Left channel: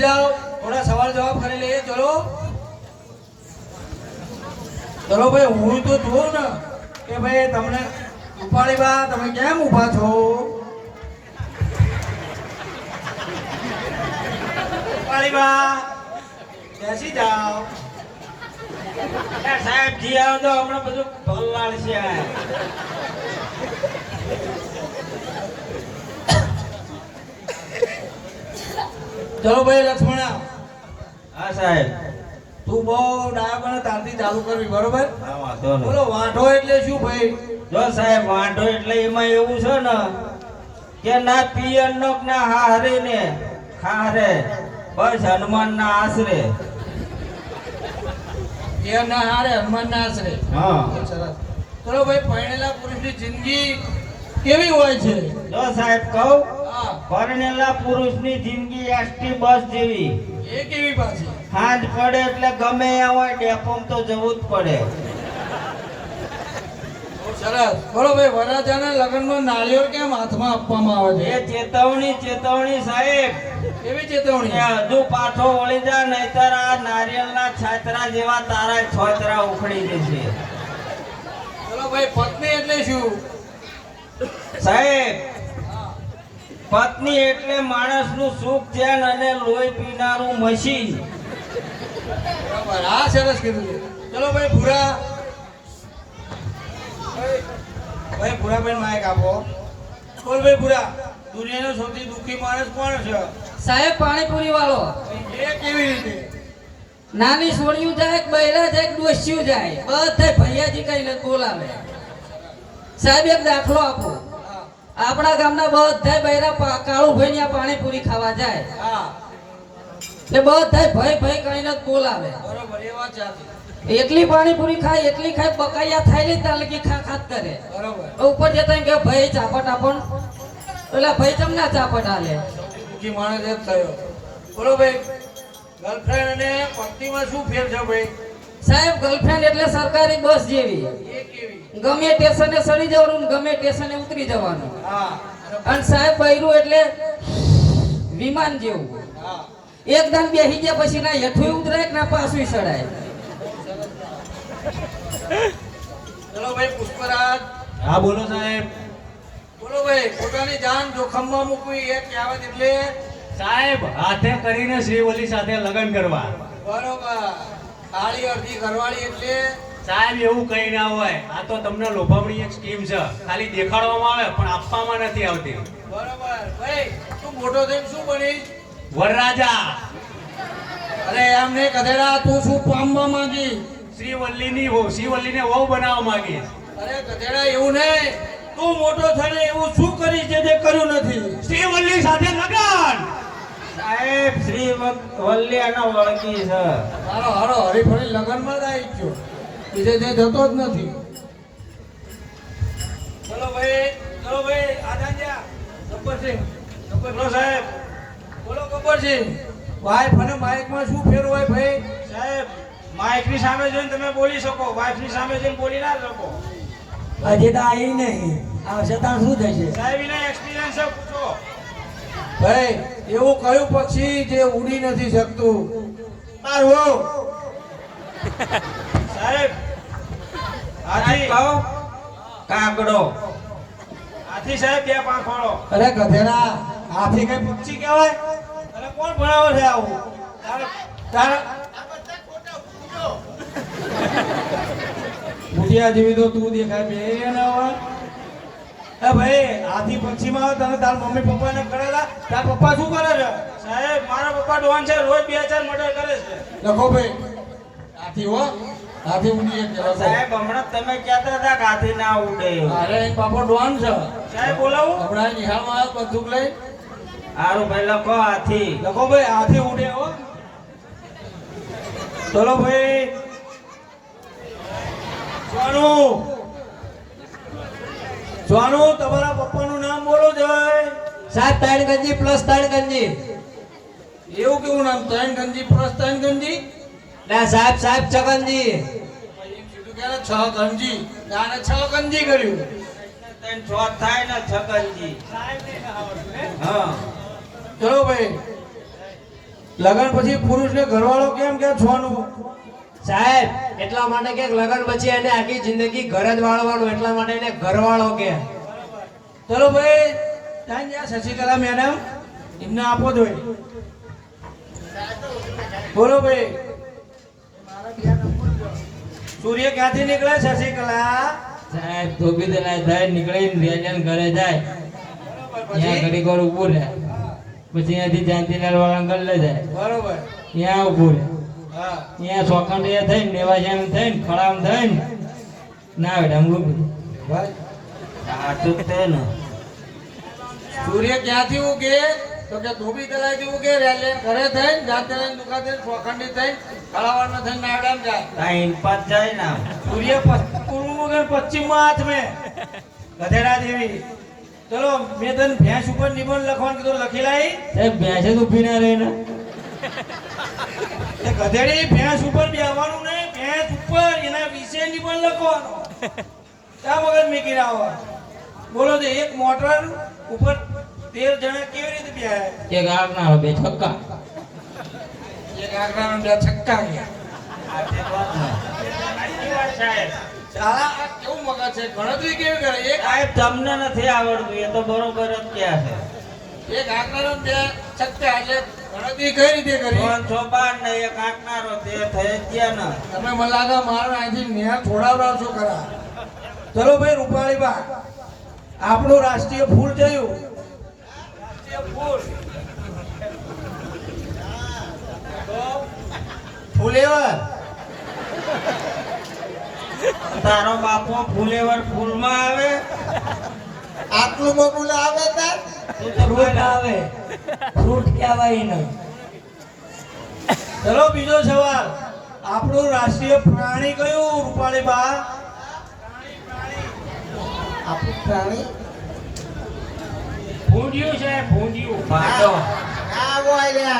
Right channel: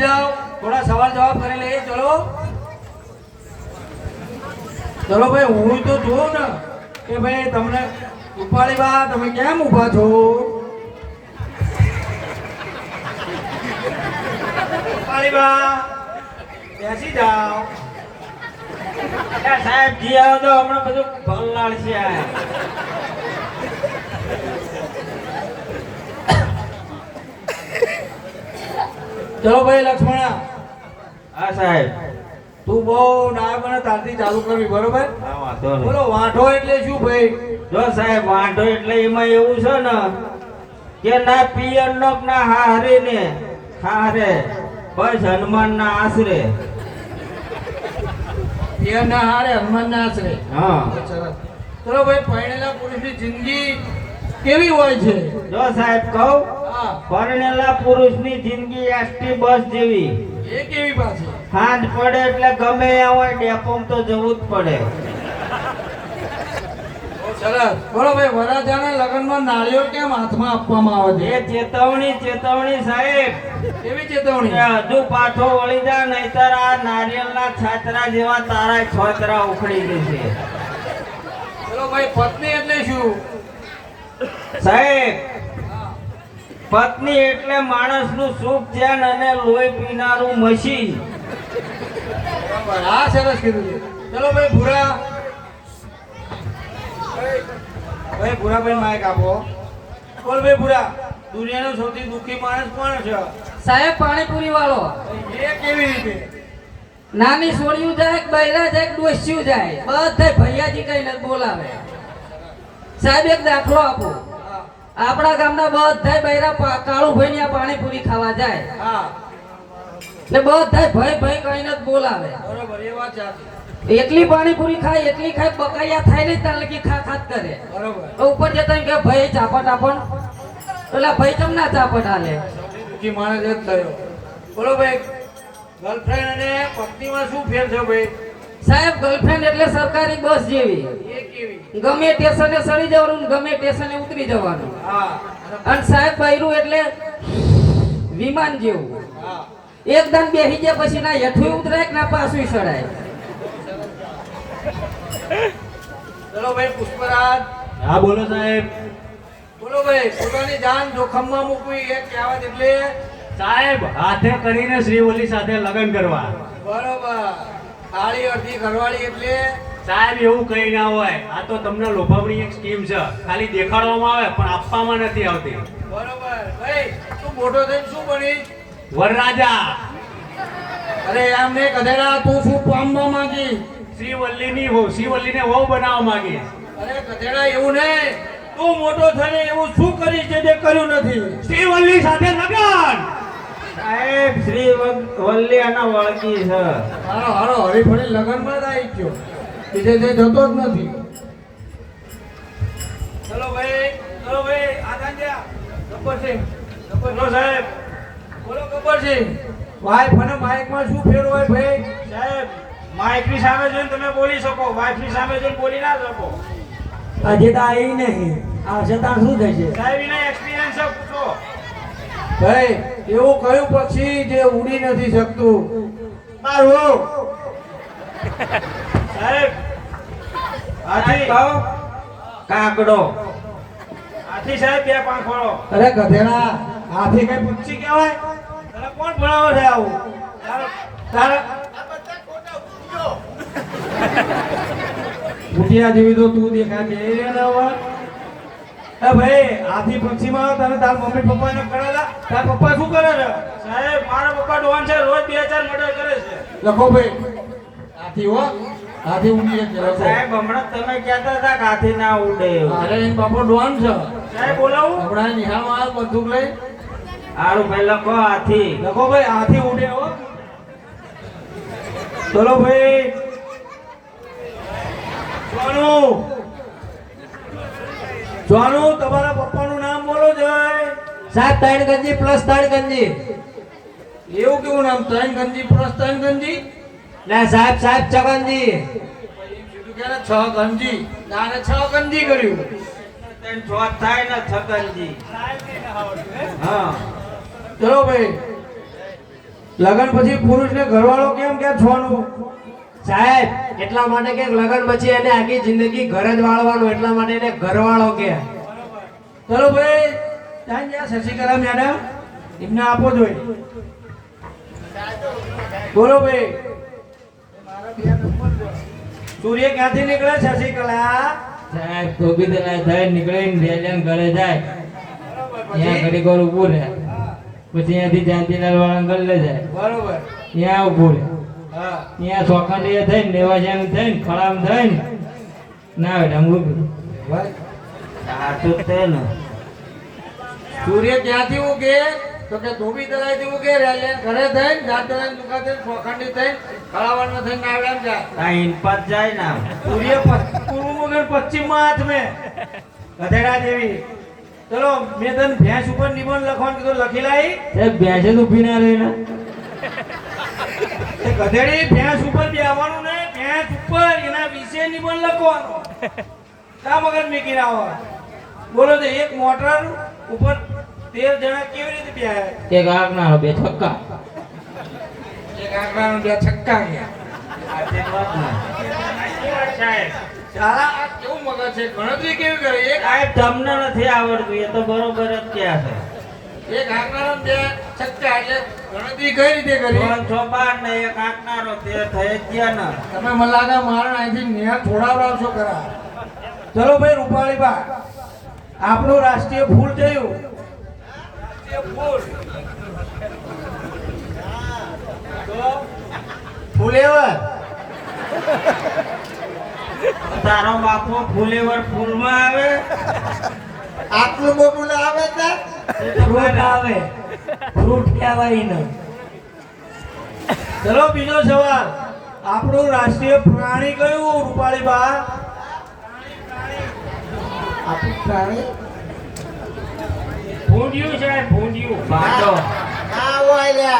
બેસી જાઓ, થોડા સવાલ જવાબ કરી લઈએ. ચલો ચલો ભાઈ, હું તો જોઉં ને કે ભાઈ તમને ઉપાડી બા તમે કેમ ઊભા છો? ઉપાડી બા બેસી જાઓ. સાહેબ જી આવો તો હમણાં બધું ભલાડ છે. ચલો ભાઈ લક્ષ્મણા. હા સાહેબ. તું બહુ ડાયો બને તારથી ચાલુ કરવી, બરોબર? હા વાંધો નહીં. બોલો વાંઢો એટલે શું ભાઈ? જો સાહેબ વાંઢો એટલે એમાં એવું છે ને કે ના પિયર નો ના હારે ને હારે બસ હનુમાન ના આશરે. એ ના હારે હનુમાન ના આશરે. હા સરસ. ચલો ભાઈ, પરણેલા પુરુષની જિંદગી કેવી હોય છે? જો સાહેબ કહું, હા, પરણેલા પુરુષની જિંદગી એસટી બસ જેવી. એ કેવી પાછી? હાથ પડે એટલે ગમે ત્યાં હોય ડેપોમાં તો જવું જ પડે. બહુ સરસ. બોલો ભાઈ, વરરાજાને લગ્નમાં નાળિયેર કેમ હાથમાં આપવામાં આવે એ છે? ચેતવણી સાહેબ. કેવી ચેતવણી? એ હજુ પાછો વળી જા નહીતર આ નારિયેળના છાતરા જેવા તારા છોતરા ઉખડી દેશે. ચલો ભાઈ, પત્ની એટલે શું? સાહેબ પત્ની એટલે માણસનું સુખ ચેન અને લોહી પીનારું મશીન. બરાબર, હા સરસ કીધું છે. ચલો ભાઈ ભૂરા. ભાઈ ભૂરાભાઈ માઈક આપો. બોલ ભાઈ ભૂરા, દુનિયાનો સૌથી દુઃખી માણસ કોણ છે? સાહેબ પાણીપુરી વાળો. એ કેવી રીતે? નાની સોળિયું જાય, બૈરા જાય, ડોસ્યું જાય, બધા ભૈયાજી કહીને બોલાવે. સાહેબ એક દાખલો આપો. હા આપણા ગામના બધા બૈરા કાળુભાઈ ની પાણીપુરી ખાવા જાય હા, એટલે બધા ભાઈ ભાઈ કહીને બોલાવે. બરોબર, એ વાત સાચી. એટલી પાણીપુરી ખાય, એટલી ખાય, બકાયા થાય નહીં ત્યાં લગી ખા ખાત કરે. બરોબર. ઉપર જતા કે ભાઈ ચાપટ આપણ, પેલા ભાઈ તમને ચાપટ હાલે. સૌથી દુઃખી માણસ જ થયો. બોલો ભાઈ, ગર્લફ્રેન્ડ અને પત્નીમાં શું ફેર છે ભાઈ? સાહેબ ગર્લફ્રેન્ડ એટલે સરકારી બસ જેવી. એ કેવી? ગમે સ્ટેશને સડી જવાનું, ગમે સ્ટેશને ઉતરી જવાનું. હા અને સાહેબ બૈરું એટલે વિમાન જેવું. હા, એકદમ બેસી ગયા પછી ના હેઠું ઉતરાય કે ના પાછું સડાય. ચલો ભાઈ પુષ્પરાજ. હા બોલો સાહેબ. બોલો ભાઈ, પોતાની જાન જોખમમાં મૂકવી એ કહેવત એટલે? સાહેબ હાથે કરીને શ્રીવલ્લી સાથે લગ્ન કરવા. બરોબર. કાળી અડધી ઘરવાળી એટલે? સાહેબ એવું કઈ ના હોય, આ તો તમને લોભામણી એક સ્કીમ છે, ખાલી દેખાડવામાં આવે પણ આપવામાં નથી આવતી. બરોબર. ભાઈ તું મોટો થઈને શું બનીશ? વરરાજા. અરે એમ ને ગધેડા, તું શું પામવા માંગી? શ્રીવલ્લીને વહુ બનાવવા માંગીશ. અરે ગધેડા, એવું નહીં. તું મોટો થઈને એવું શું કરીશ જે તે કર્યું નથી? શ્રીવલ્લી સાથે લગ્ન. સાહેબ શ્રી વલ્લી અને વળગી છે. હારો હારો હરીફળી લગનમાં જ આવી ગયો, બીજે તે જતો જ નથી. ચલો ભાઈ આદાન્યા. ગબ્બરસિંહ. બોલો સાહેબ. બોલો ગબ્બરસિંહ, વાઈફ અને માઇકમાં શું ફેર હોય ભાઈ? સાહેબ માઇકની સામે જોઈને તમે બોલી શકો, વાઈફની સામે જોઈને બોલી ના શકો. હજી તો આવી નહીં, આવશે ત્યાં શું થશે? સાહેબ એને એક્સપિરિયન્સ છે, પૂછો. ભાઈ એવું કયું પક્ષી જે ઉડી નથી શકતું? મારું. સાહેબ હાથી કહો. કાગડો. હાથી સાહેબ બે પાંખ વાળો. અરે ગધેડા, હાથી કઈ પક્ષી કહેવાય? તને કોણ ભણાવે છે આવું? તારા ભૂતિયા જેવી તો તું દેખાય બે રે ને હવે. એ ભાઈ, હાથી પક્ષીમાં તને તાર મમ્મી પપ્પાને કરેલા? તાર પપ્પા શું કરે છે? સાહેબ મારા પપ્પા ડોન છે, રોજ 2-4 મર્ડર કરે છે. લખો ભાઈ, હાથી હો, હાથી ઉડી એક જરા. સાહેબ હમણાં તમે કહેતા હતા કે હાથી ના ઉડે એવું. અરે બાપો ડોન છે. સાહેબ બોલાવું. હમણાં નિહાળમાં આવ બંદૂક લઈ. સારું ભાઈ લખો હાથી. લખો ભાઈ, હાથી ઉડે હો. ચલો ભાઈ, જોનું તમારા પપ્પાનું નામ બોલો જય. સાહેબ ત્રણ ગંજી પ્લસ ત્રણ ગંજી. એવું કેવું નામ? ત્રણ ગંજી પ્લસ ત્રણ ગંજી? ના સાહેબ ચગનજી. કીધું કે છ ગંજી, આને છ ગંજી કર્યું. 3 થાય ને છકનજી. હા ચલો ભાઈ, લગ્ન પછી પુરુષને ઘરવાળો કેમ કે છોનું? સાહેબ એટલા માટે કે લગ્ન પછી એને આખી જિંદગી ઘર જ વાળવાનું, એટલા માટે એને ઘરવાળો કે. ચલો ભાઈ, ત્યાં જ્યાં શશિકલા મેડમ એમને આપો જોઈએ. બોલો ભાઈ. સૂર્ય ક્યાંથી નીકળે શશિકલા? સાહેબ ધોબી દલાય થાય નીકળીને રેડિયન ઘરે જાય, ત્યાં ઘડી ઘર ઊભું રહે, પછી ત્યાંથી જાંતીલાલ વાળા ગલ્લે જાય, બરોબર. ત્યાં ઊભું રહે, હા ત્યાં ચોખંડી થઈને દેવાજ્યામ થઈને ખડામ થઈને ના બેટા ઊભું. ભાઈ, સાચું જ તે ને. સૂર્ય ક્યાંથી ઉગે? તો કે ધોબી તલાઈથી ઉગે, રેલિયન ઘરે થઈને જાંતીલાલ દુકાન થઈને ચોખંડી થઈને ખળાવાળમાં થઈને નાવડામ જાય. આ ઇનપાત જાય ને. સૂર્ય પૂર્વમાં ગયો, પશ્ચિમમાં હાથમે ગધેડા જેવી. ચલો મેં તને ભેંસ ઉપર નિબંધ લખવાનું કીધું, લખી લાવી. સાહેબ ભેંસે તો ઊભી ના રહે ને. એ ગધેડી ભેંસ ઉપર બેહવાનું નહીં, ભેંસ ઉપર એના વિશે નિબંધ લખવાનો. શા મગજ મેકી આવો? બોલો તો એક મોટર ઉપર 13 જણા કેવી રીતે બેહે? એક આગનારો બે છક્કા. એક આંકડાનો 2 છક્કા ગયા. સાલા આ કેવું મગજ છે? ગણતરી કેવી કરે? એક સાહેબ તમને નથી આવડતું, એ તો બરોબર જ ક્યાં છે. એક આંકડાનો 2 છક્કા, એટલે ગણતરી કઈ રીતે કરી? 6 6 12 ને એક આંકનારો તે થઈ જ ગયા ને. તમે મને લાગે મારા અહીંથી નેહ છોડાવડાવશો ખરા. ચલો ભાઈ રૂપાળીબા, આપણું રાષ્ટ્રીય ફૂલ કયું? રાષ્ટ્રીય ફૂલ તો ફુલેવર. તારો બાપો ફુલેવર ફૂલમાં આવે. આટલું મોટું આવે તાર ફ્રૂટ આવે, ફ્રૂટ કહેવાય ને. ચલો બીજો સવાલ, આપણું રાષ્ટ્રીય પ્રાણી કયું રૂપાળીબા? આપણું પ્રાણી ભૂંડિયું છે, ભૂંડિયું. બાટો. આ હોય લ્યા.